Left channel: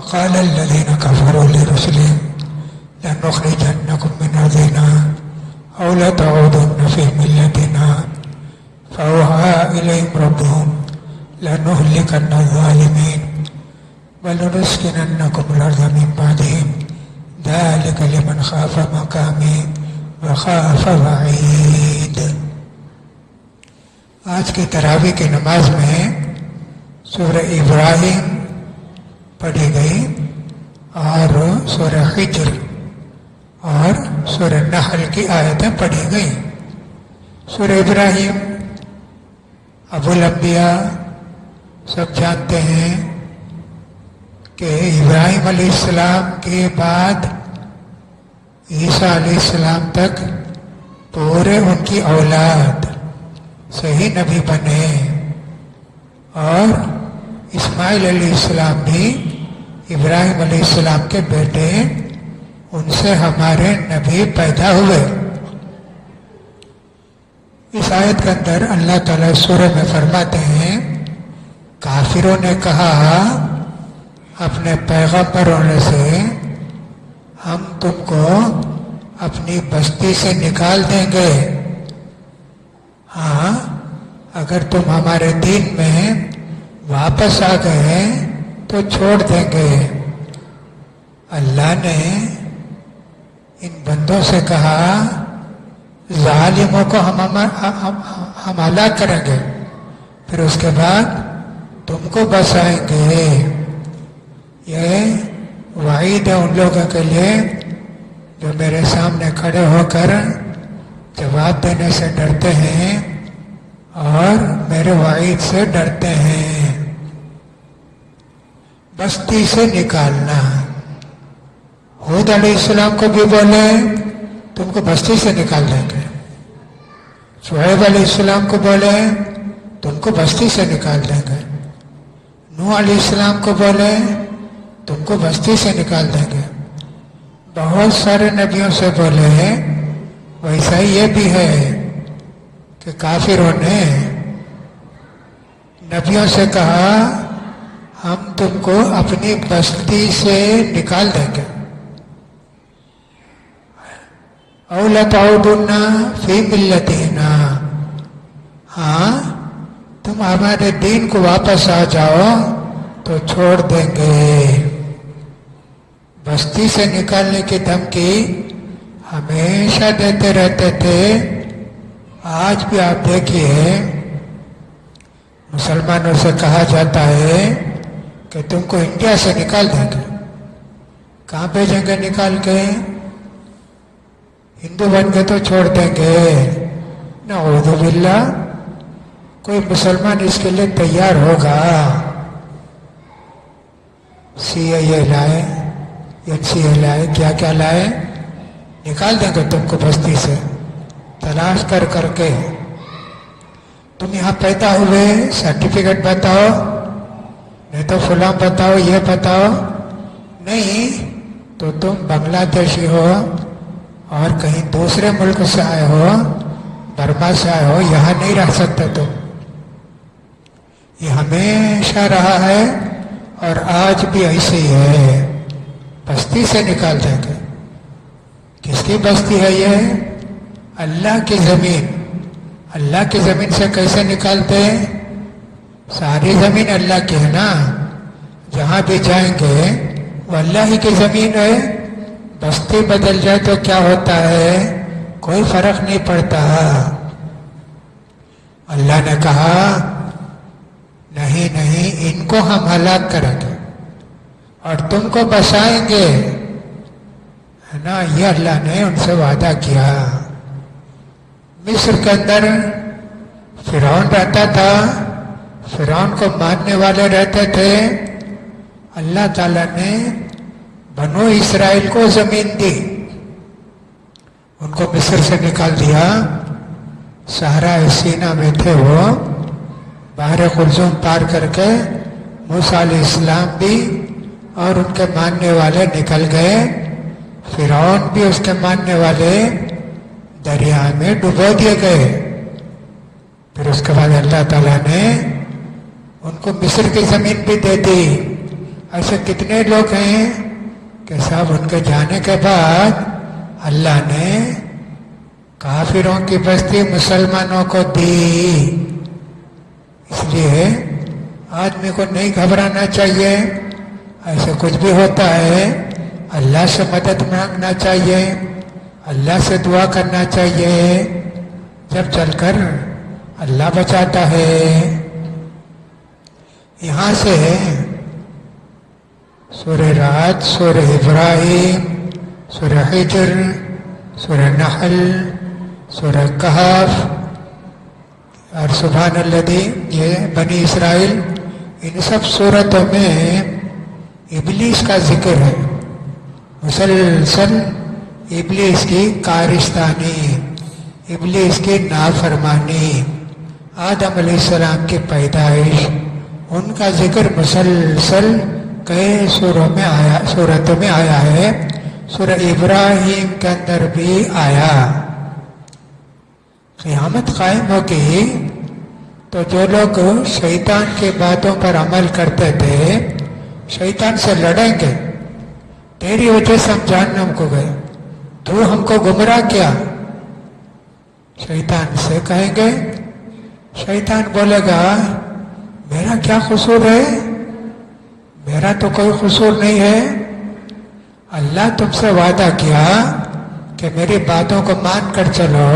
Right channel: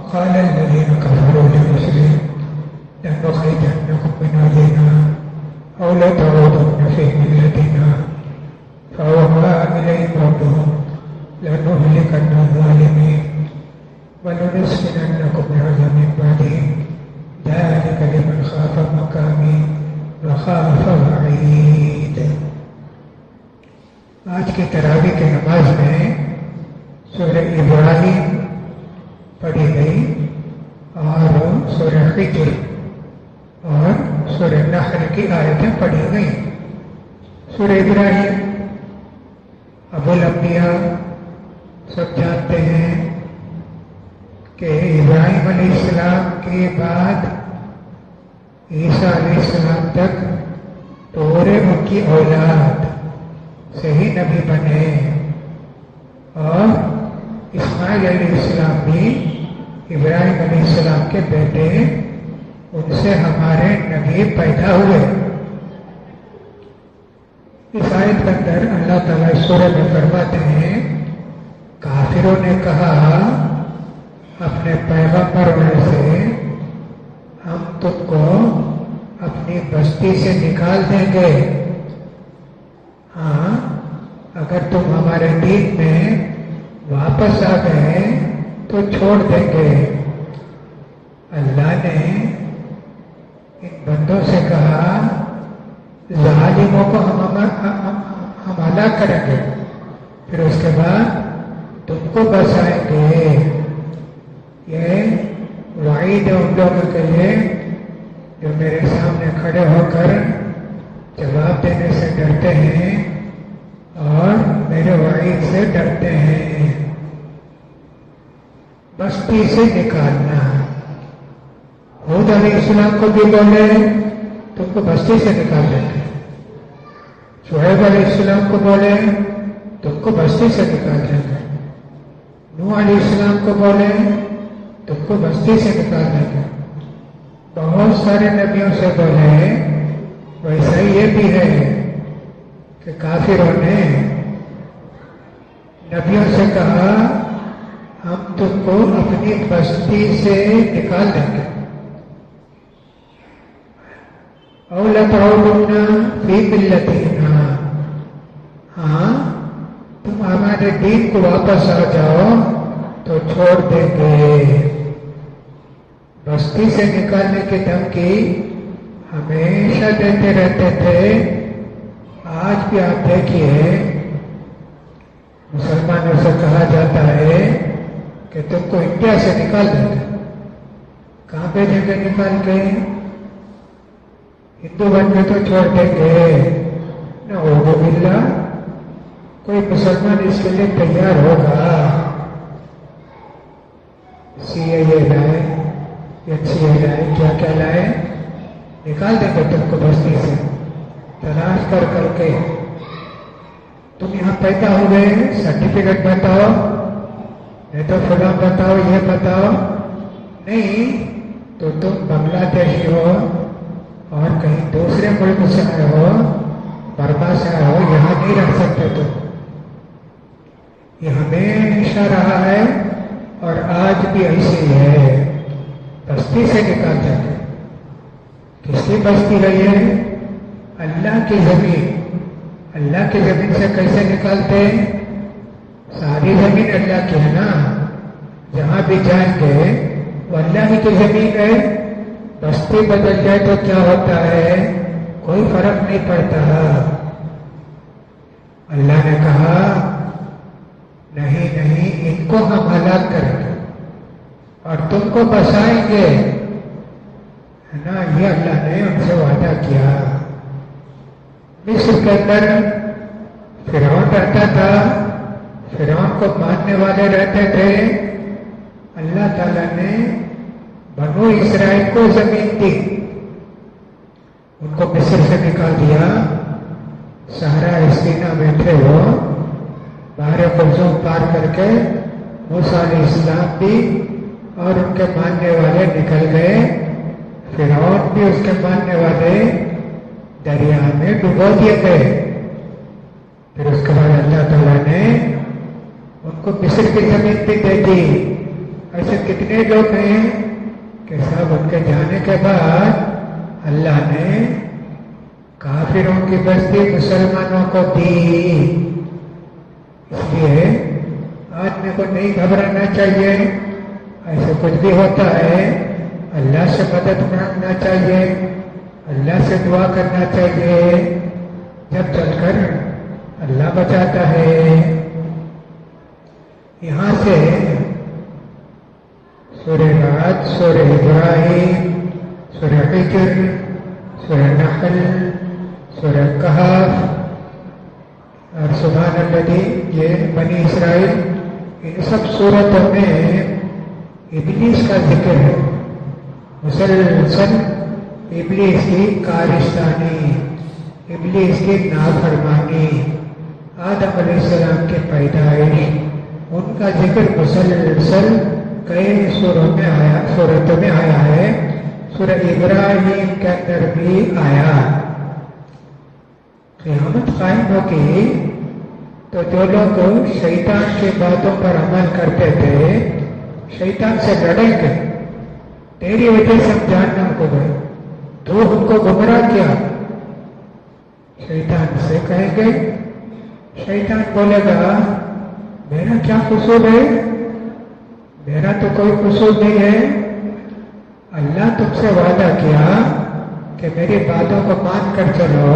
وقال الذين كفروا لرسلهم لنخرجنكم من أرضنا أو لتعودن في ملتنا فأوحى إليهم ربهم لنهلكن الظالمين ولنسكننكم الأرض من بعدهم ذلك لمن خاف مقامي وخاف وعيد. آج کی تراویح کی نماز میں سورہ ابراہیم پڑھی گئی اور سورہ حجر اور سورہ نحل کی آیتیں پڑھی گئیں. سورہ ابراہیم ابو الانبیاء سب جانتے ہیں کہ ابراہیم علیہ السلام کے بعد عیسیٰ علیہ السلام تک پورے ان کی اولاد صحیح نبی بنے اور اسماعیل علیہ السلام بھی ابراہیم علیہ السلام کے بیٹے، ان سے ہمارے نبی پیدا ہوئے. اس آیت کے اندر اللہ تعالیٰ سورہ میں فرماتے ہیں کافروں نے کہا اپنے پیغمبروں سے ہم تم کو اپنی بستی سے نکال دیں گے، ہاں اگر تم ہمارے دین میں واپس آ گئے تو چھوڑ دیں گے. اللہ نے ان بندوں سے کہا ظالموں کو ہم ہلاک کریں گے، پھر اس کے بعد تم کو بسائیں گے. یہ وعید ہے ان لوگوں کے لیے جو میرے سامنے کھڑے ہو کر جواب دینے سے ڈرتے ہیں اور میرے وعید سے ڈرتے ہیں. بستی سے نکالنا، حود علیہ السلام کو بھی بولے تم کو بستی سے نکال دیں گے، شعیب علیہ السلام کو بولے تم کو بستی سے نکال دیں گے، نوح علیہ السلام کو بولے تم کو بستی سے نکال دیں گے. بہت سارے نبیوں سے بولے. ویسا ہی یہ بھی ہے کہ کافروں نے نبیوں سے کہا ہم تم کو اپنی بستی سے نکال دیں گے. او لتعودن فی ملتنا، ہاں تم ہمارے دین کو واپس آ جاؤ تو چھوڑ دیں گے. بستی سے نکالنے کی دھمکی ہمیشہ دیتے رہتے تھے. آج بھی آپ دیکھیے مسلمانوں سے کہا جاتا ہے کہ تم کو انڈیا سے نکال دیں گے. کہاں بھیجیں گے نکال کے؟ ہندو بن گئے تو چھوڑ دیں گے. نعوذ باللہ. کوئی مسلمان اس کے لیے تیار ہوگا؟ سی اے لائے، HCA لائے، کیا کیا لائے، نکال دیں گے تم کو بستی سے. تلاش کر کر کے تم یہاں پیدا ہوئے، سرٹیفکیٹ بتاؤ، نہیں تو فلاں بتاؤ، یہ بتاؤ. نہیں تو تم بنگلہ دیشی ہو اور کہیں دوسرے ملک سے آئے ہو، برما سے آئے ہو، یہاں نہیں رہ سکتے تم. یہ ہمیشہ رہا ہے اور آج بھی ایسے ہی ہے. بستی سے نکال دیں گے. کس کی بستی ہے یہ؟ اللہ کی زمین. اللہ کی زمین سے کیسے نکالتے؟ ساری زمین اللہ کی ہے نا. جہاں بھی جائیں گے وہ اللہ ہی کی زمین ہے. بستی بدل جائے تو کیا ہوتا ہے؟ کوئی فرق نہیں پڑتا. اللہ نے کہا نہیں نہیں، ان کو ہم ہلاک کریں گے اور تم کو بسائیں گے، ہے نا. یہ اللہ نے ان سے وعدہ کیا. مصر کے اندر فرعون رہتا تھا، فرعون کو ماننے والے رہتے تھے. اللہ تعالیٰ نے بنو اسرائیل کو زمین دی، ان کو مصر سے نکال دیا. صحرا سینا میں تھے وہ، بحر قلزم پار کر کے موسیٰ علیہ السلام بھی اور ان کے ماننے والے نکل گئے. فرعون بھی اس کے ماننے والے دریا میں ڈبو دیے گئے. پھر اس کے بعد اللہ تعالیٰ نے ان کو مصر کی زمین بھی دے دی. ایسے کتنے لوگ ہیں کہ صاحب ان کے جانے کے بعد اللہ نے کافروں کی بستی مسلمانوں کو دی. اس لیے آدمی کو نہیں گھبرانا چاہیے. ایسے کچھ بھی ہوتا ہے اللہ سے مدد مانگنا چاہیے, اللہ سے دعا کرنا چاہیے, جب چل کر اللہ بچاتا ہے. یہاں سے سورہ رات, سورہ ابراہیم, سورہ حجر, سورہ نحل, سورہ کہف اور سبحان الذی, یہ بنی اسرائیل, ان سب صورتوں میں ابلیس کا ذکر ہے. مسلسل ابلیس کی کارستانی, ابلیس کی نافرمانی, آدم علیہ السلام کی پیدائش, ان کا ذکر مسلسل کئی صورتوں میں آیا ہے. سورہ ابراہیم کے اندر بھی آیا. قیامت قائم ہوگی تو جو لوگ شیطان کی باتوں پر عمل کرتے تھے شیطان سے لڑیں گے. تیری وجہ سے ہم جہنم کو گئے, تو ہم کو گمراہ کیا. شیطان سے کہیں گے, شیطان بولے گا میرا کیا قصور ہے, میرا تو کوئی قصور نہیں ہے. اللہ تم سے وعدہ کیا کہ میری باتوں کو مان کر چلو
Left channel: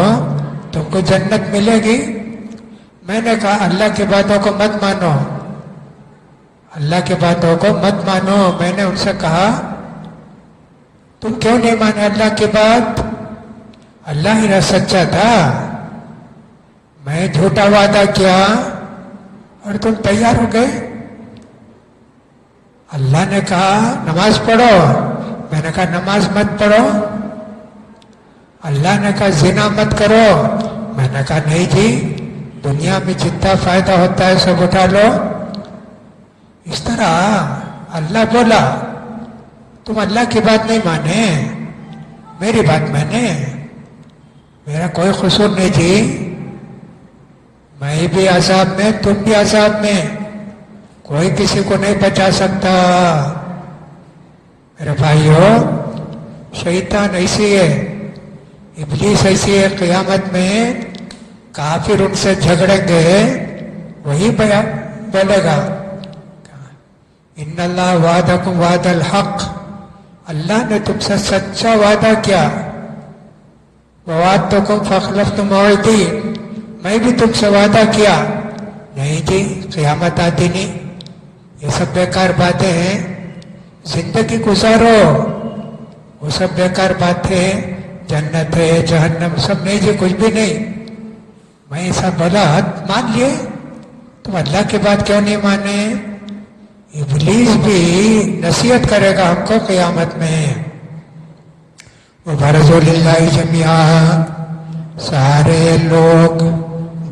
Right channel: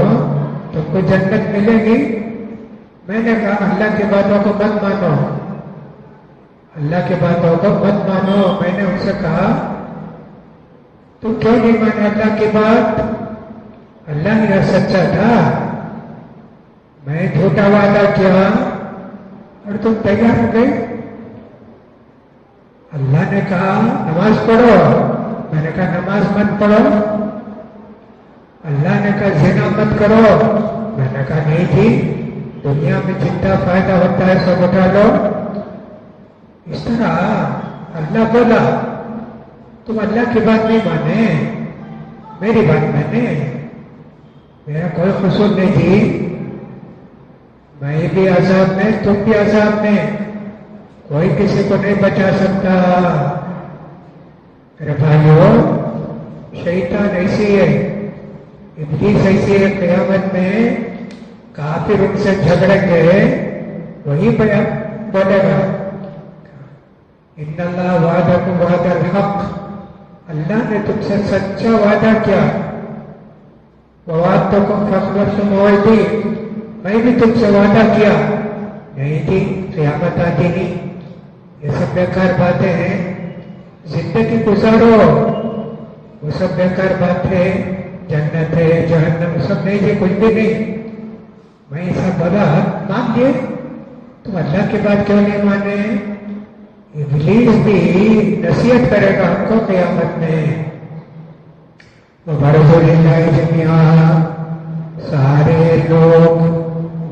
تم کو جنت ملے گی. میں نے کہا اللہ کی باتوں کو مت مانو, اللہ کی باتوں کو مت مانو. میں نے ان سے کہا تم کیوں نہیں مانے اللہ کی بات؟ اللہ ہی سچا تھا, میں جھوٹا وعدہ کیا اور تم تیار ہو گئے. اللہ نے کہا نماز پڑھو, میں نے کہا نماز مت پڑھو. اللہ نے کہا زنا مت کرو, میں نے کہا نہیں جی, دنیا میں جتنا فائدہ ہوتا ہے سب اٹھا لو. اس طرح اللہ بولا تم اللہ کی بات نہیں مانے, میری بات مانے, میرا کوئی قصور نہیں جی. میں بھی عذاب میں, تم بھی عذاب میں, کوئی کسی کو نہیں بچا سکتا. میرے بھائیو, شیطان ایسی ہے, ابلیس ایسی ہے. قیامت میں کافر ان سے جھگڑیں گے, وہی بولے گا ان اللہ وعدکم وعد الحق, اللہ نے تم سے سچا وعدہ کیا. وعدتکم فاخلفت موعدی, میں بھی تم سے وعدہ کیا. نہیں جی, قیامت آتی نہیں. یہ سب بیکار باتیں ہیں, زندگی گزارو. وہ سب بیکار باتیں, جنت ہے جہنم سب نہیں جی, کچھ بھی نہیں. میں ایسا بولا مان لیے, تم اللہ کی بات کیوں نہیں مانے؟ ابلیس بھی نصیحت کرے گا ہم کو قیامت میں. وَبَرَزُوا لِلَّهِ جَمِيعًا, سارے لوگ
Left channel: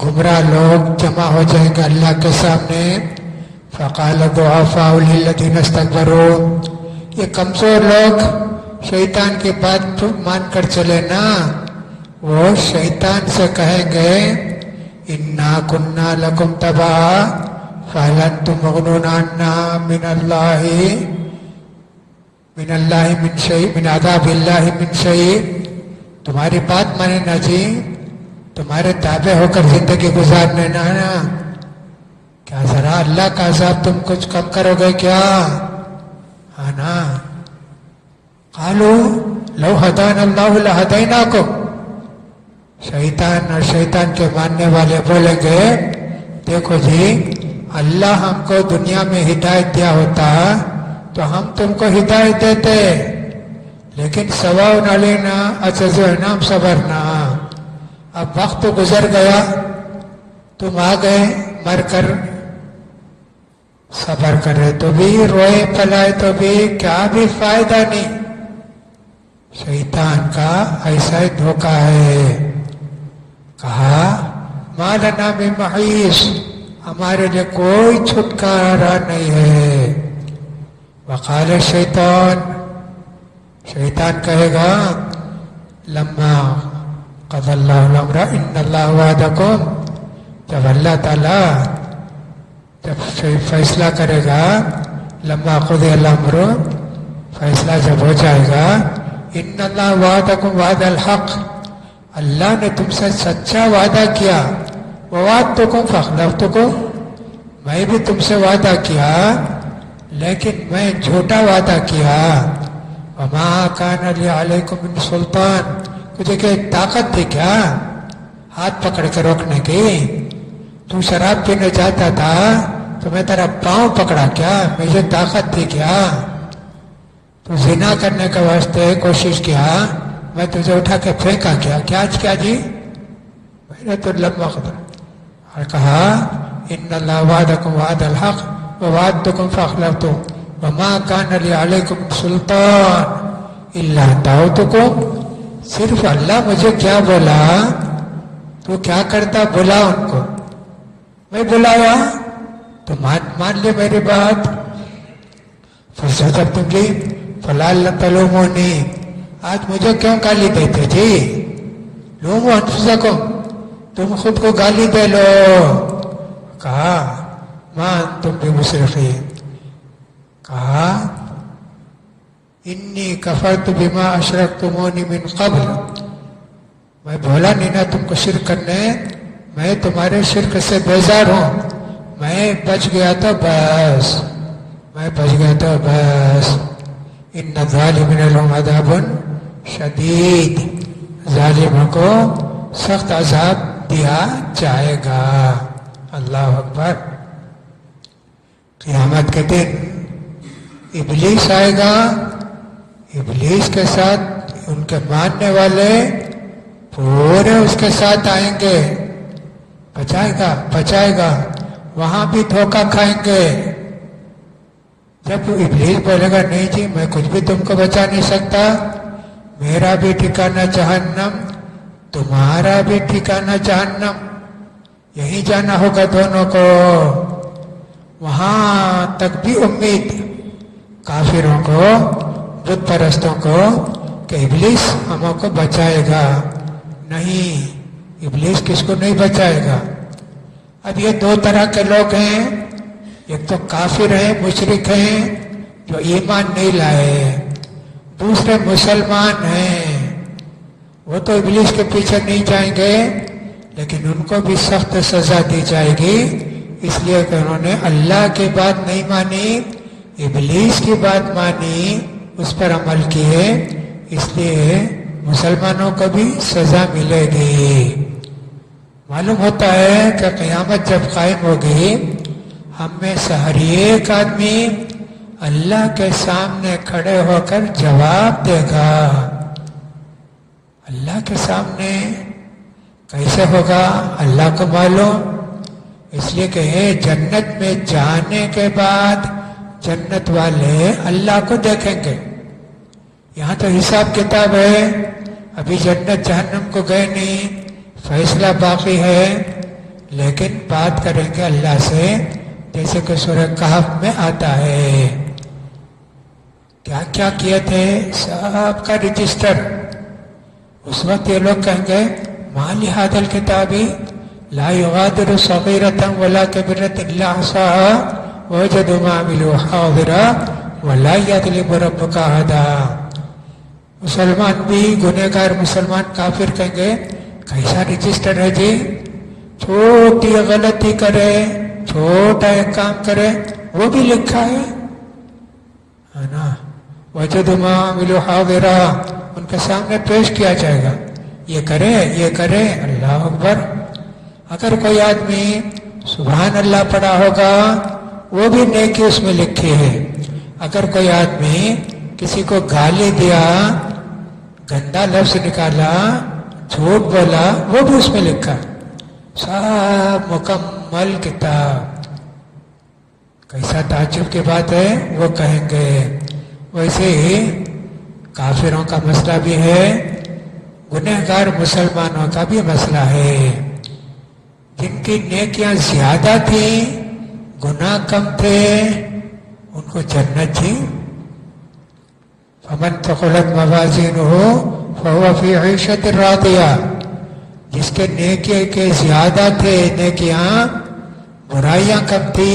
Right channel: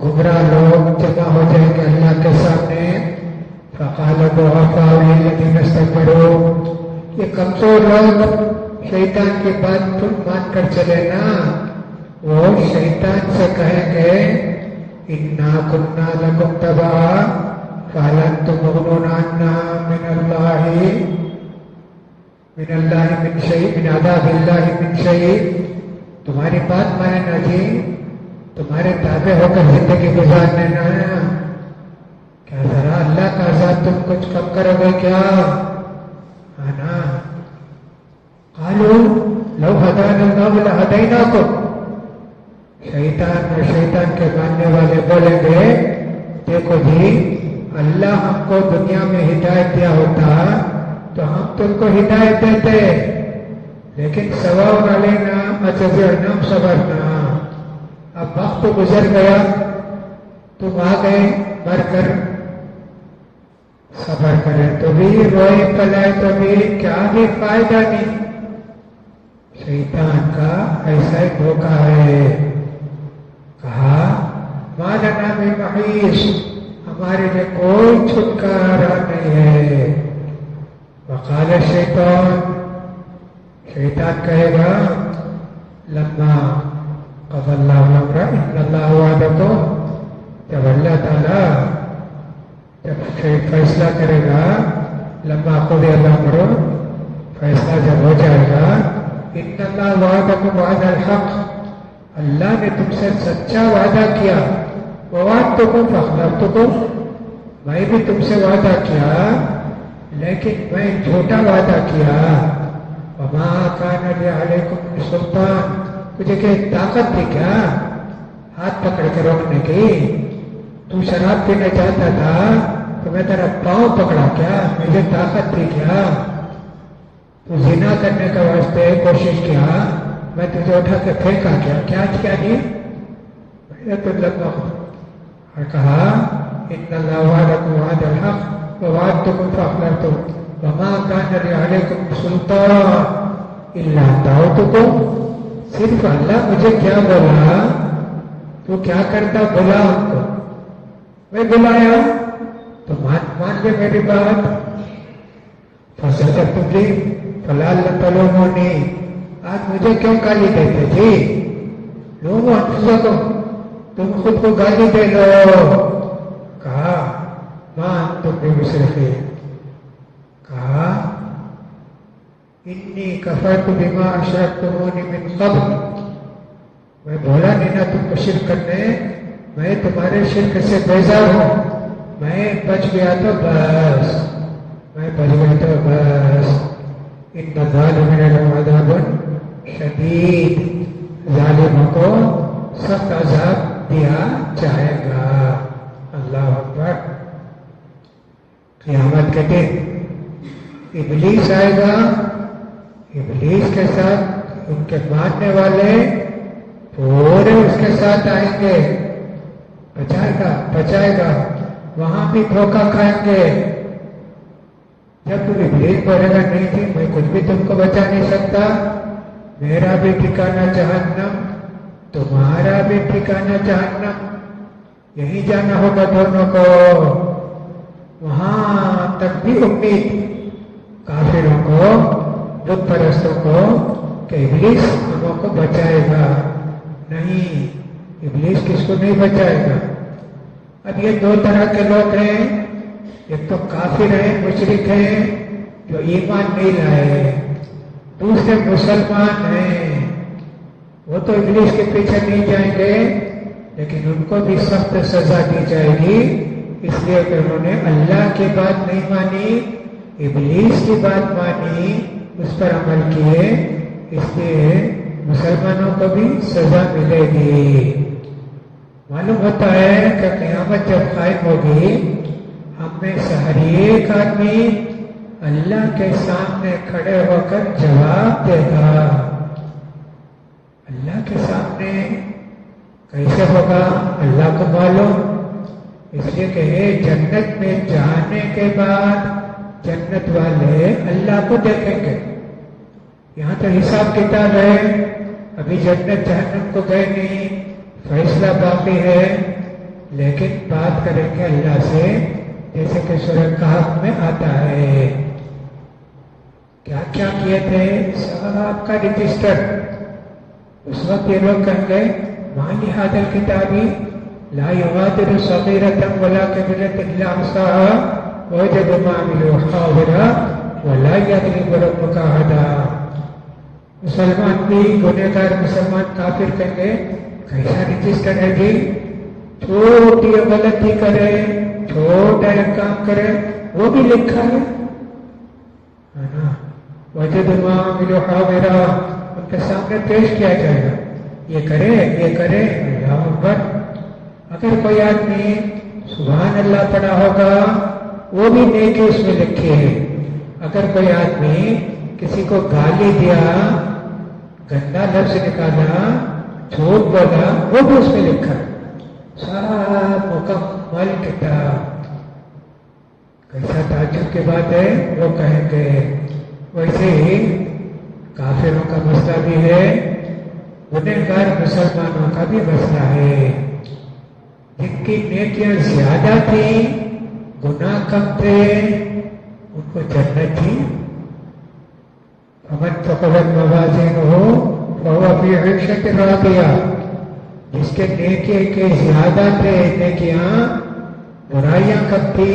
گمراہ لوگ جمع ہو جائیں گے اللہ کے سامنے. فَقَالَ الضُّعَفَاءُ لِلَّذِينَ اسْتَكْبَرُوا, یہ کمزور لوگ شیطان کی بات مان کر چلے نا, وہ شیطان سے کہیں گے اِنَّا كُنَّا لَكُمْ تَبَعًا فَهَلْ أَنْتُمْ مُغْنُونَ عَنَّا مِنَ اللَّهِ مِنْ شَيْءٍ مِنْ عَذَابِ اللَّهِ مِنْ شَيْءٍ. تمہاری بات مانے نا جی, تمہارے تابع ہو کر زندگی گزارنے نا. کیا ذرا اللہ کا عذاب تم کچھ کم کرو گے کیا؟ ہاں نا. قالوا لو هدانا الله لهديناكم, شیطان اور شیطان کے ماننے والے بولیں گے دیکھو جی, اللہ ہم کو دنیا میں ہدایت دیا ہوتا تو ہم تم کو ہدایت دیتے, لیکن سواؤن علینا اجزعنا صبرنا. اب وقت گزر گیا, تم آ گئے مر کر, صبر کرے تو بھی, روئے پلائے تو بھی, کیا بھی فائدہ نہیں. شیطان کا ایسا ہی دھوکہ ہے. کہا ما لنا من محیص, ہمارے لیے کوئی چھٹکارا نہیں ہے. وقال الشیطان, شیطان کہے گا لما قضى الله الامر ان اللہ وعدکم, جب اللہ تعالیٰ جب فیصلہ کرے گا لما قضی الامر، فیصلہ جب ہو جائے گا، ان اللہ وعدکم وعد الحق، اللہ نے تم سے سچا وعدہ کیا، ووعدتکم فاخلفتکم، میں بھی تم سے وعدہ کیا لیکن میں جھوٹا وعدہ کیا، وما کان لی علیکم من سلطان، تجھے کہ طاقت تھی کیا ہاتھ پکڑ کے روکنے کی؟ تو شراب پینے چاہتا تھا تو میں تیرا پاؤں پکڑا کیا؟ مجھے طاقت تھی کیا؟ تو زنا کرنے کے واسطے کوشش کیا، میں تجھے اٹھا کے پھینکا کیا؟ کیا جی؟ میں نے تو لمبا اور کہا ان اللہ وعدکم وعد الحق ووعدتکم فاخلفتم وما کان لی علیکم سلطان الا دعوتکم، صرف اللہ مجھے کیا بولا تو کیا کرتا؟ بلا ان کو، میں بلایا تو مان لیا میری بات، فَاسْتَجَبْتُمْ لِي فَلَا تَلُومُونِي، آج مجھے کیوں گالی دیتے جی؟ لوموا انفسکم، تم خود کو گالی دے لو۔ کہا ما انتم بمصرخین، کہا انی کفرت بما اشرکتمونی من قبل، میں بولا نہیں نا تم کو شرک کرنے، میں تمہارے شرک سے بیزار ہوں، میں بچ گیا تو بس، میں بچ گیا تو بس۔ ان الظالمین لهم عذاب شدید، ظالموں کو سخت عذاب دیا جائے گا۔ اللہ اکبر۔ قیامت کے دن ابلیس آئے گا، ابلیس کے ساتھ ان کے ماننے والے پورے اس کے ساتھ آئیں گے، بچائے گا، وہاں بھی دھوکہ کھائیں گے۔ جب ابلیس بولے گا نہیں جی میں کچھ بھی تم کو بچا نہیں سکتا، میرا بھی ٹھکانہ جہنم، تمہارا بھی ٹھکانہ جہنم، یہی جانا ہوگا دونوں کو، وہاں تک بھی امید کافروں کو، بت پرستوں کو کہ ابلیس ہموں کو بچائے گا، نہیں، ابلیس کس کو نہیں بچائے گا۔ اب یہ دو طرح کے لوگ ہیں، ایک تو کافر ہیں، مشرک ہیں جو ایمان نہیں لائے، دوسرے مسلمان ہیں، وہ تو ابلیس کے پیچھے نہیں جائیں گے لیکن ان کو بھی سخت سزا دی جائے گی، اس لیے کہ انہوں نے اللہ کی بات نہیں مانی، ابلیس کی بات مانی، اس پر عمل کیے، اس لیے مسلمانوں کو بھی سزا ملے گی۔ معلوم ہوتا ہے کہ قیامت جب قائم ہوگی، ہم میں سے ہر ایک آدمی اللہ کے سامنے کھڑے ہو کر جواب دے گا۔ اللہ کے سامنے کیسے ہوگا اللہ کو معلوم، اس لیے کہ جنت میں جانے کے بعد جنت والے اللہ کو دیکھیں گے۔ یہاں تو حساب کتاب ہے، ابھی جنت جہنم کو گئے نہیں، فیصلہ باقی ہے، لیکن بات کریں گے اللہ سے، جیسے کہ سورہ کہف میں آتا ہے، کیا کیا کیے تھے سب کا رجسٹر۔ اس وقت یہ لوگ کہیں گے ما لہذا الکتاب لا یغادر صغیرۃ ولا کبیرۃ الا احصاها ووجدوا ما عملوا حاضرا ولا یظلم ربک احدا۔ مسلمان بھی گنہگار مسلمان کافر کہیں گے کیسا رجسٹر ہے جی، چھوٹی غلطی کرے، چھوٹا ایک کام کرے وہ بھی لکھا ہے نا، وجدوا ما عملوا حاضرا، ان کے سامنے پیش کیا جائے گا، یہ کرے یہ کرے۔ اللہ اکبر۔ اگر کوئی آدمی سبحان اللہ پڑھا ہوگا وہ بھی نیکی اس میں لکھی ہے، اگر کوئی آدمی کسی کو گالی دیا، گندا لفظ نکالا، جھوٹ بولا، وہ بھی اس میں لکھا، سب مکمل کتاب۔ کیسا تعجب کی بات ہے، وہ کہیں گے۔ ویسے ہی کافروں کا مسئلہ بھی ہے، گنہگار مسلمانوں کا بھی مسئلہ ہے، جن کی نیکیاں زیادہ تھیں، گناہ کم تھے، ان کو جنت تھی۔ فمن ثقلت موازینہ فہو فی عیشۃ راضیہ، جس کے نیکی کے زیادہ تھے نیکیاں، برائیاں کم تھی،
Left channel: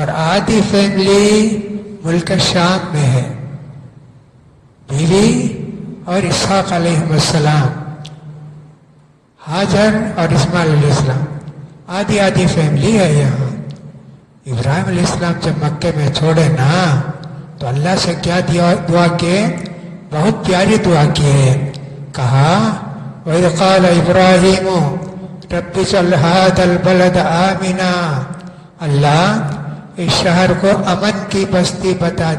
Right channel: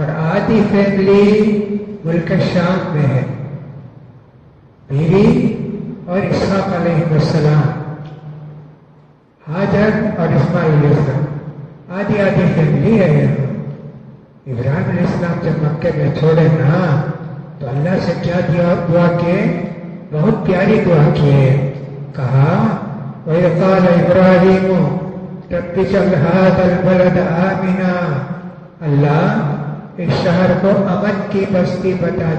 اور آدھی فیملی ملک شام میں ہے، بیوی اور اسحاق علیہ السلام، ہاجر اور اسماعیل علیہ السلام، آدھی آدھی فیملی ہے یہاں۔ ابراہیم علیہ السلام جب مکے میں چھوڑے نا تو اللہ سے کیا دعا کیے؟ بہت پیاری دعا کیے، کہا وَإِذْ قَالَ إِبْرَاهِيمُ رَبِّ اجْعَلْ هَٰذَا الْبَلَدَ آمِنًا، اللہ اس شہر کو امن کی بستی بنا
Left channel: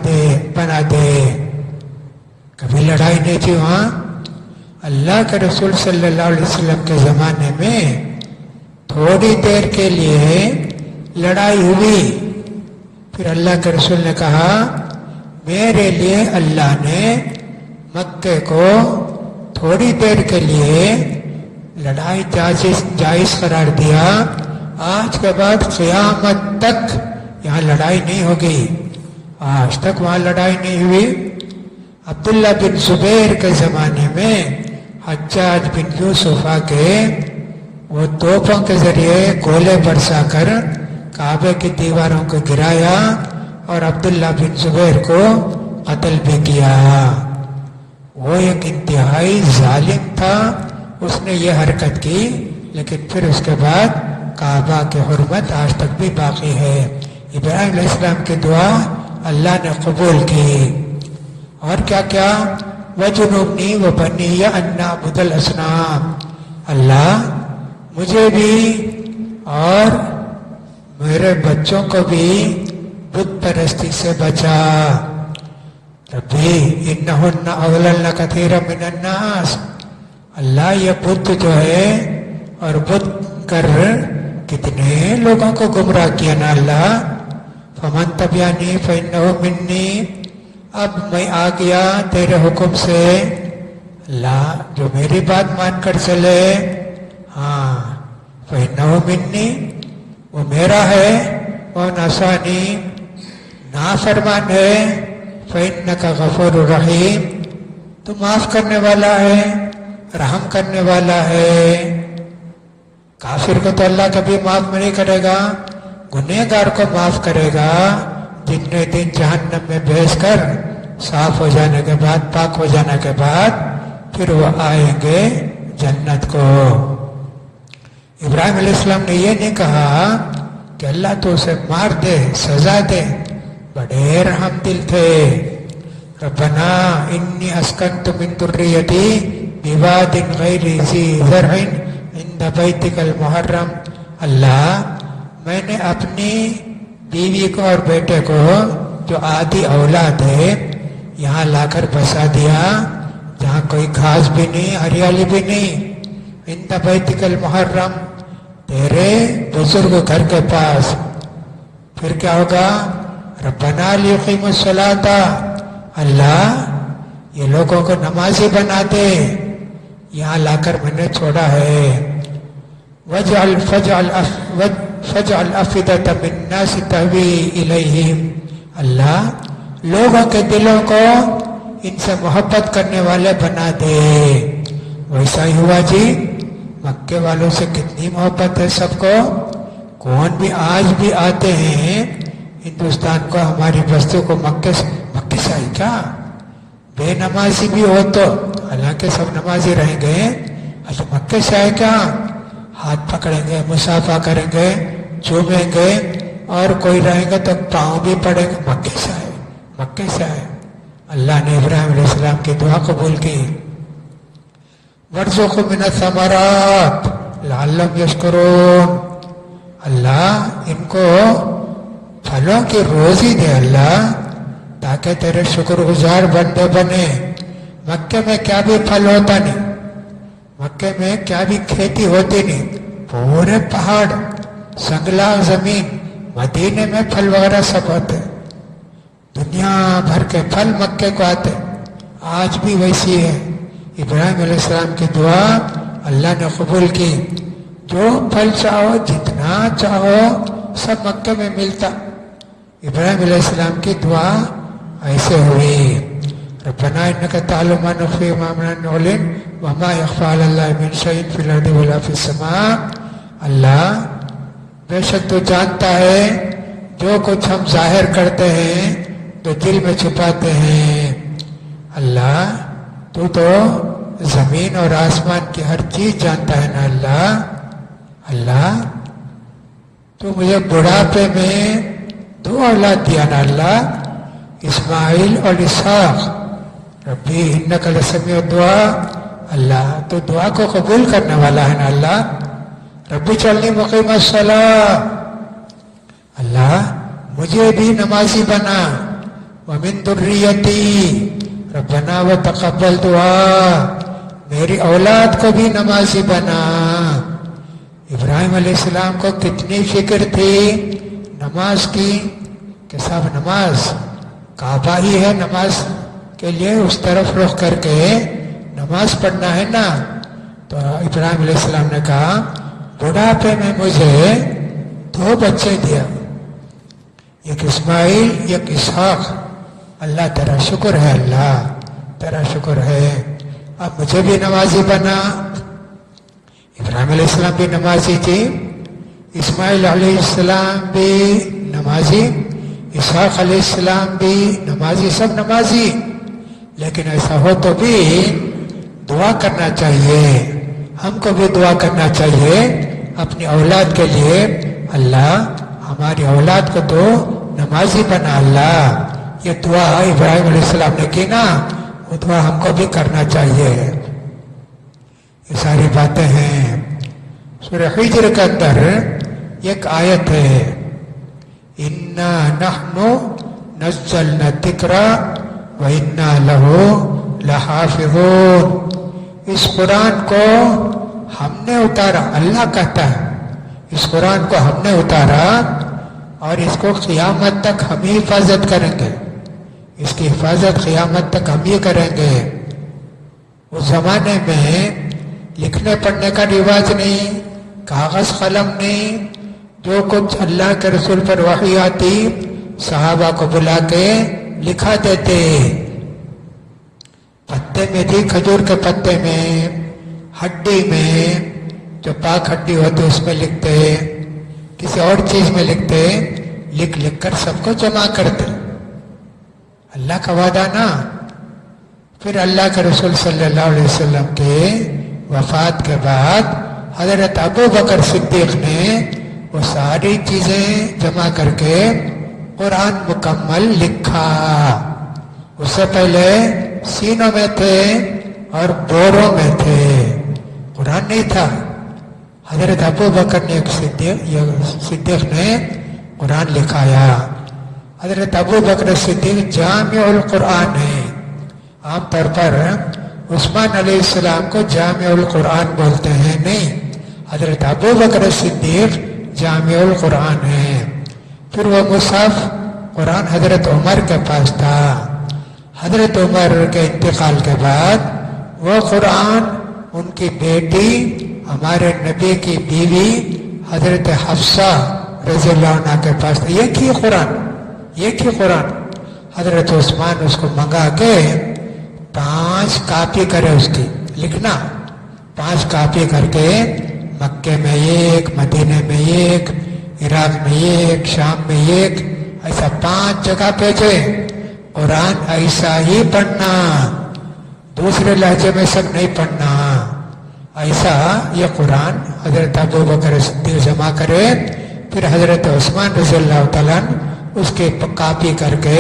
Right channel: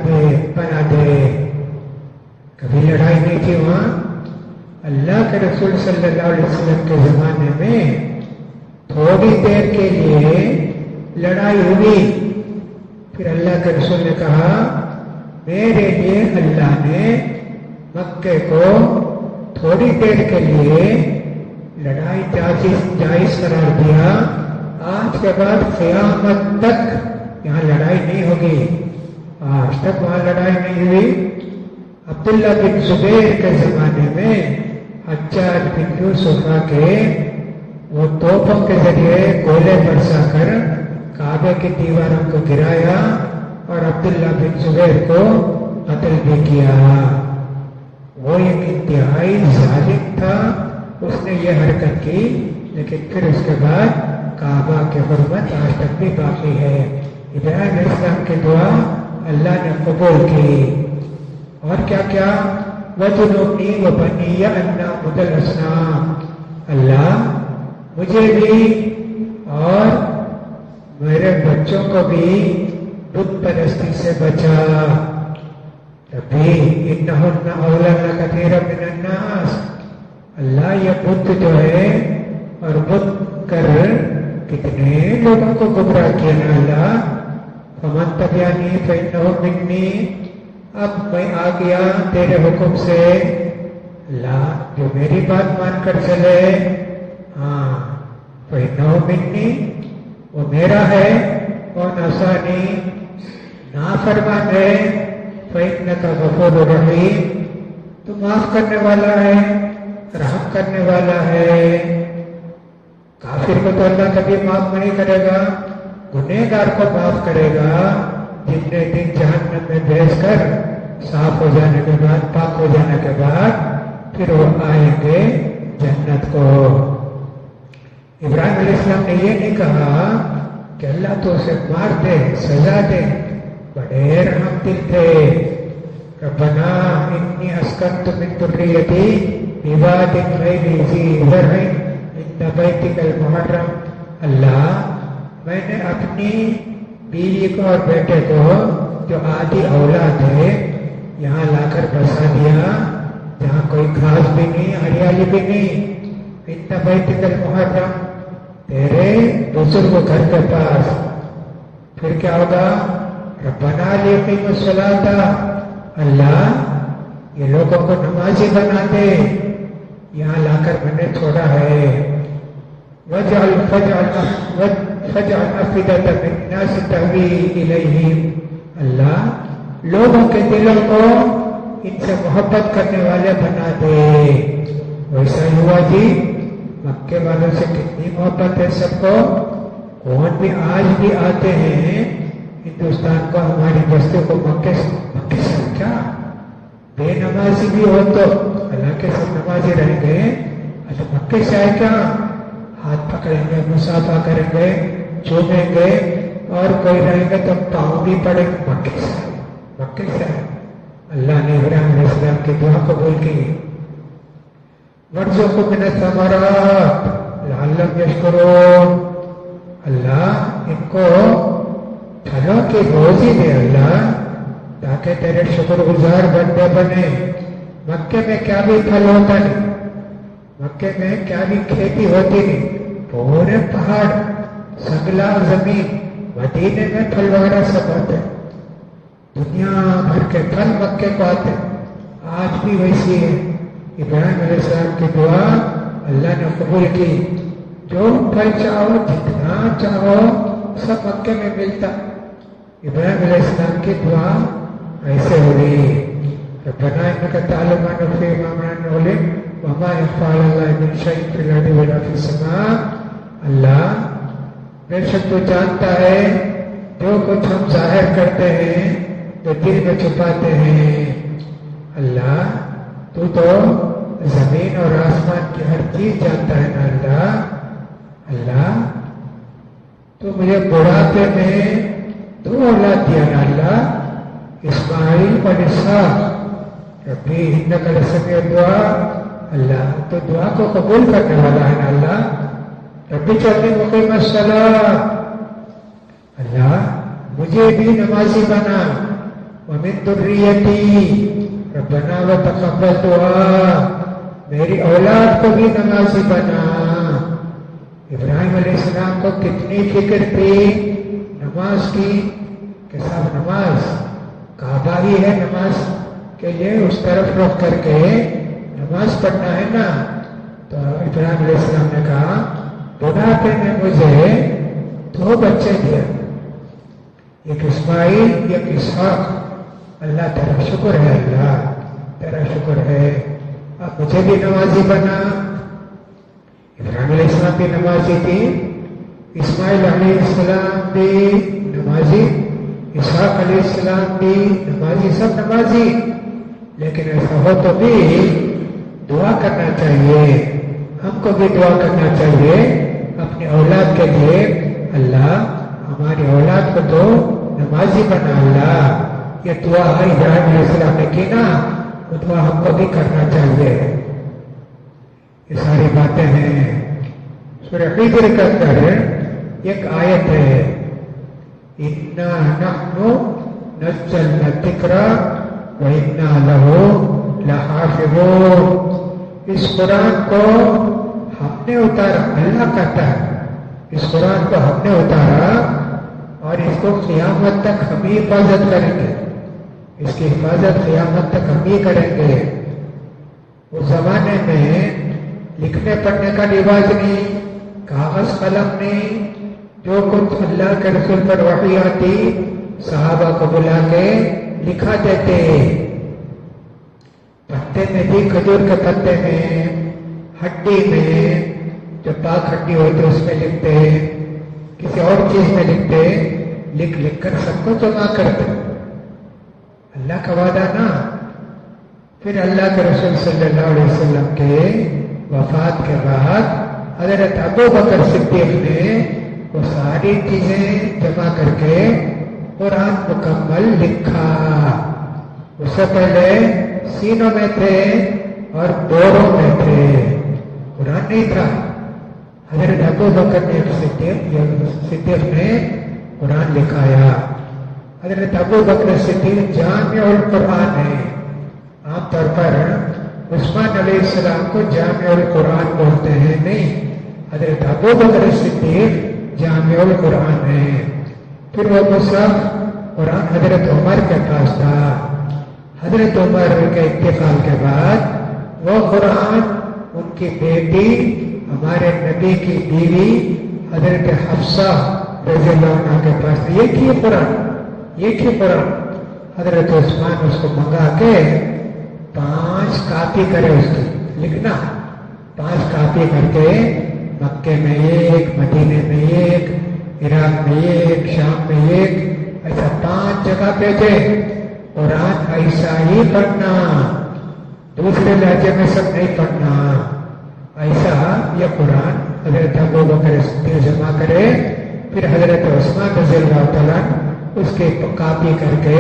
دے۔ کبھی لڑائی نہیں تھی وہاں۔ اللہ کے رسول صلی اللہ علیہ وسلم کے زمانے میں تھوڑی دیر کے لیے لڑائی ہوئی، پھر اللہ کے رسول نے کہا میرے لیے اللہ نے مکے کو تھوڑی دیر کے لیے لڑائی جائز قرار دیا، آج کے بعد قیامت تک یہاں لڑائی نہیں ہوگی۔ آج تک وہاں لڑائی نہیں ہوئی۔ عبداللہ بن زبیر کے زمانے میں حجاج بن یوسف کے وہ توپوں کے ذریعے گولے برسا کر کعبے کی دیواروں کو گرایا اور عبداللہ بن زبیر کو قتل بھی کیا۔ وہ ایک انتہائی ظالم تھا، اس نے یہ حرکت کی، لیکن پھر اس کے بعد کعبہ کی حرمت آج تک بھی باقی ہے۔ ابراہیم علیہ السلام کی دعا اللہ نے قبول کی۔ اور کیا کیا؟ وَجُنُبْنِي وَبَنِيَّ أَن نَّعْبُدَ الْأَصْنَامَ، اللہ مجھے بھی اور میرے بچوں کو بھی بت پرستی سے بچا۔ ربی انہن اضللن کثیرا من الناس، اللہ یہ بت جو ہے اور بت کر کتنے لوگوں کو گمراہ کیا نا اللہ۔ فمن تبعنی فانہ منی، اب میں آ گیا تیرے حکم سے، اللہ جو میری بات مان کر چلے، ہاں فانہ منی وہ میرا ہے، اور ناسانی نافرمان ہے، فإنک غفور رحیم تو معاف کرنے والا ہے، رحم کرنے والا ہے۔ کافر کو تو اللہ کبھی معاف نہیں کرے گا، گنہگار کو معاف کرے گا، جتنے دن جہنم میں بیس کر صاف ہو جانے کے بعد، پاک ہو جانے کے بعد پھر وہ آئیں گے جنت کو۔ ابراہیم علیہ السلام نے یہ نہیں کہا کہ اللہ تو اسے مار دے، سزا دے، بڑے رحم دل تھے۔ ربنا انی اسکنت من ذریتی بواد غیر ذی زرع عند بیتک المحرم، اللہ میں نے اپنی بیوی کو اور بیٹے کو جو آدھی اولاد ہے یہاں لا کر بسا دیا، جہاں کوئی گھاس بھی نہیں، ہریالی بھی نہیں، عند بیتک المحرم تیرے بزرگ گھر کے پاس۔ پھر کیا ہوگا؟ ربنا لیقیموا الصلاۃ، اللہ یہ لوگوں کو نمازی بنا دے، یہاں لا کر میں نے چھوڑا ہے۔ فَاجْعَلْ أَفْئِدَةً مِّنَ النَّاسِ تَهْوِي إِلَيْهِمْ، اللہ لوگوں کے دلوں کو ان سے محبت کرنے والے بنا دے۔ ویسا ہی ہوا جی، مکے والوں سے کتنی محبت ہے سب کو، کون بھی آج بھی آتے ہیں ہندوستان کو، ہماری بستی کو مکے سے ہے کیا؟ بے نمازی بھی ہو تو حالانکہ سب نمازی رہیں گے، اچھا مکے سے آئے کیا؟ ہاتھ پکڑیں گے، مصافحہ کریں گے، چومیں گے، اور کوئی رہے گا تو پاؤں بھی پڑے گا، مکے سے آئے، مکے سے آئے۔ اللہ نے ابراہیم علیہ السلام کی دعا قبول کی۔ وَارْزُقْهُم مِّنَ الثَّمَرَاتِ لَعَلَّهُمْ يَشْكُرُونَ، اللہ ان کو پھلوں کی روزی دے اللہ، تاکہ تیرے شکر گزار بندے بنے۔ مکے میں کیا بھی پھل ہوتا نہیں، مکے میں کیا بھی کھیتی ہوتی نہیں، پورے پہاڑ، سنگلا زمین، مدینے میں پھل وغیرہ سب ہوتے، دنیا بھر کے پھل مکے کو آتے، آج بھی ویسی ہے۔ ابراہیم علیہ السلام کی دعا اللہ نے قبول کی، جو پھل چاہو جتنا چاہو سب مکے میں ملتا۔ ابراہیم علیہ السلام کی دعا ایسے ہوئی، ربنا انک تعلم ما نخفی وما نعلن وما یخفی علی اللہ من شیء فی الارض ولا فی السماء، اللہ بے شک تو جانتا ہے جو کچھ ہم ظاہر کرتے ہیں تو دل میں چھپاتے ہیں، اللہ تو زمین اور آسمان کی ہر چیز جانتا ہے نا اللہ تو مجھے بڑھاپے میں 2 اولاد دیا نا اللہ، اسماعیل اور اسحاق، ربی انک لسمیع الدعاء، اللہ تو دعا کو قبول کرنے والا ہے نا اللہ، ربی اجعلنی مقیم الصلاۃ، اللہ مجھے بھی نمازی بنا، ومن ذریتی ربنا وتقبل دعا، میری اولاد کو بھی نمازی بنا۔ ابراہیم علیہ السلام کو کتنی فکر تھی نماز کی کہ سب نماز کعبہ ہی ہے، نماز کے لیے اس طرف رخ کر کے نماز پڑھنا ہے نا، تو ابراہیم علیہ السلام نے کہا بڑھاپے میں مجھے 2 بچے دیا، ایک اسماعیل ایک اسحاق، اللہ تیرا شکر ہے، اللہ تیرا شکر ہے، اب مجھے بھی نمازی بنا۔ ابراہیم علیہ السلام بھی نمازی تھی، اسماعیل علیہ السلام بھی نمازی، اسحاق علیہ السلام بھی نمازی، سب نمازی، لیکن ایسا ہو تو بھی دعا کرنا چاہیے، ہم کو بھی دعا کرنا چاہیے اپنی اولاد کے لیے، اللہ ہماری اولاد کو تو نمازی بنا اللہ، یہ دعا ابراہیم علیہ السلام نے کی نا، وہ دعا ہم کو بھی کرنا چاہیے۔ یہ ساری باتیں ہیں سورہ حجر کے اندر ایک آیت ہے، اِنَّا نَحْنُ نَزَّلْنَا الذِّكْرَ وَإِنَّا لَهُ لَحَافِظُونَ، اس قرآن کو ہم نے اتارا، اللہ کہتا ہے اس قرآن کو ہم نے اتارا اور اس کو قیامت تک ہم ہی حفاظت کریں گے، اس کی حفاظت قیامت تک ہم ہی کریں گے۔ اس زمانے میں لکھنے پڑھنے کا رواج نہیں، کاغذ قلم نہیں، جو کچھ اللہ کے رسول پر وحی آتی صحابہ کو بلا کے لکھا دیتے، پتے میں تھی، کھجور کے پتے میں، ہڈی میں، جو پاک ہڈی ہوتی اس میں لکھتے، کسی اور چیز میں لکھتے، لکھ کر سب کو جمع کرتے، اللہ کا وعدہ نا۔ پھر اللہ کے رسول صلی اللہ علیہ وسلم کے وفات کے بعد حضرت ابو بکر صدیق نے وہ ساری چیزیں جمع کر کے قرآن مکمل لکھا۔ اس سے پہلے سینوں میں تھے اور بوروں میں تھے، قرآن نہیں تھا۔ حضرت ابو بکر نے صدیق نے قرآن لکھایا۔ حضرت ابو بکر صدیق جامع القرآن ہے، عام طور پر عثمان علیہ السلام کو جامع القرآن بولتے ہیں، نہیں، حضرت ابو بکر صدیق جامع القرآن ہے۔ پھر وہ مصحف قرآن حضرت عمر کے پاس تھا، حضرت عمر کے انتقال کے بعد وہ قرآن ان کی بیٹی ہمارے نبی کی بیوی حضرت حفصہ رضی اللہ عنہ کے پاس تھا، ایک ہی قرآن حضرت عثمان اس کو منگا کے 5 کاپی کرے، اس کی لکھنا 5 کاپی کر کے مکے میں ایک، مدینے میں ایک، عراق میں ایک، شام میں ایک، ایسا 5 جگہ بھیجے، قرآن ایسا ہی پڑھنا، دوسرے لہجے میں سب نہیں پڑھنا، ایسا یہ قرآن حضرت ابو بکر صدیق جمع کرے۔ پھر حضرت عثمان رضی اللہ تعالیٰ اس کی کاپی کر کے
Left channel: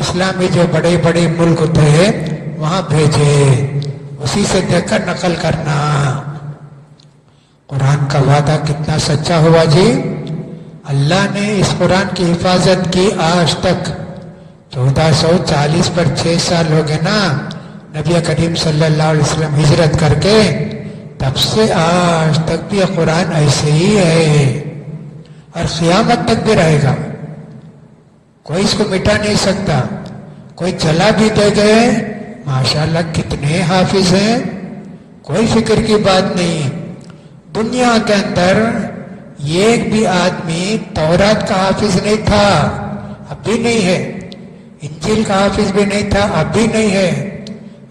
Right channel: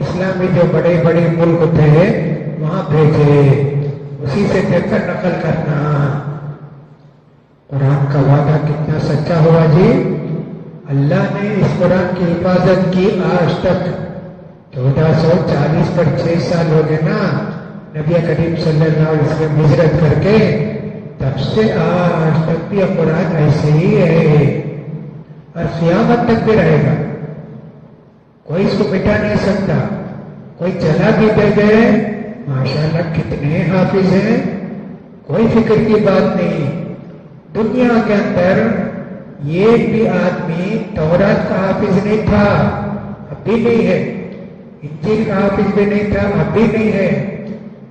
اسلامی جو بڑے بڑے ملک تھے وہاں بھیجے، اسی سے دیکھ کر نقل کرنا۔ قرآن کا وعدہ کتنا سچا ہوا جی، اللہ نے اس قرآن کی حفاظت کی آج تک 1440 پر 6 سال ہو گئے نا، نبی کریم صلی اللہ علیہ وسلم ہجرت کر کے، تب سے آج تک بھی یہ قرآن ایسے ہی ہے اور قیامت تک بھی رہے گا، کوئی اس کو مٹا نہیں سکتا۔ کوئی چلا بھی دے گئے، ماشاءاللہ کتنے حافظ ہیں، کوئی فکر کی بات نہیں۔ دنیا کے اندر ایک بھی آدمی تورات کا حافظ نہیں تھا، اب بھی نہیں ہے، انجیل کا حافظ بھی نہیں تھا، اب بھی نہیں ہے،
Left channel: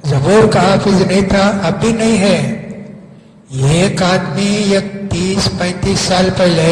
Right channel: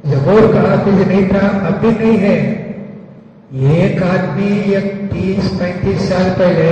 زبور کا حافظ نہیں تھا، اب بھی نہیں ہے۔ ایک آدمی 30-35 سال پہلے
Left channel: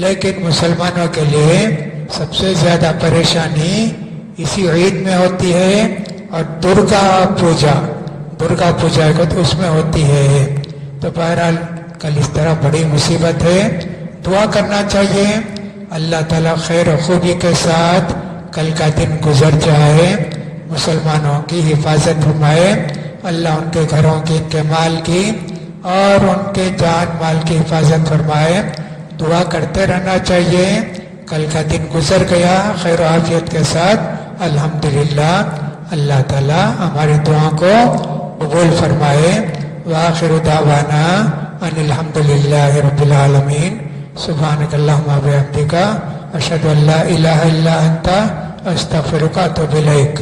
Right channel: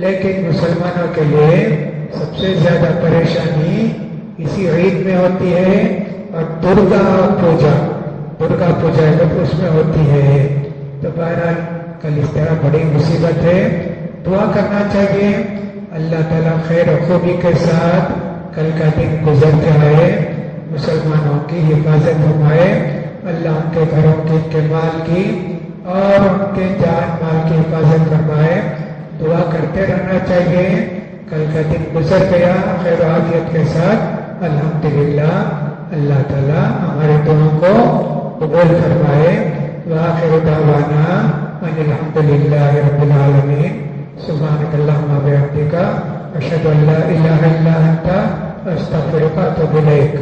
لیکن مسلمانوں کے لیے سب سے زیادہ پریشانی اسی عید میں ہوتی ہے اور درگا پوجا اس میں ہوتی ہے. تو بہرحال کل اس طرح بڑی مصیبت ہے. دعا کرنا چاہیے اللہ تعالیٰ خیر و خوبی کے ساتھ کل کا دن گزر جائے، مسلمانوں کی حفاظت فرمائے، اللہ ان کے گھروں کی، ان کے مال کی اور ان کے جان مال کی حفاظت فرمائے. دعا کرتے رہنا چاہیے. کل کا دن گزر گیا خیر و عافیت کے ساتھ الحمدللہ. اللہ تعالیٰ ہمارے دعاؤں کو قبول فرمائے. وآخر دعوانا ان الحمدللہ رب العالمین. سبحانک اللہم و بحمدک اشہد ان لا الہ الا انت استغفرک و اتوب الیک.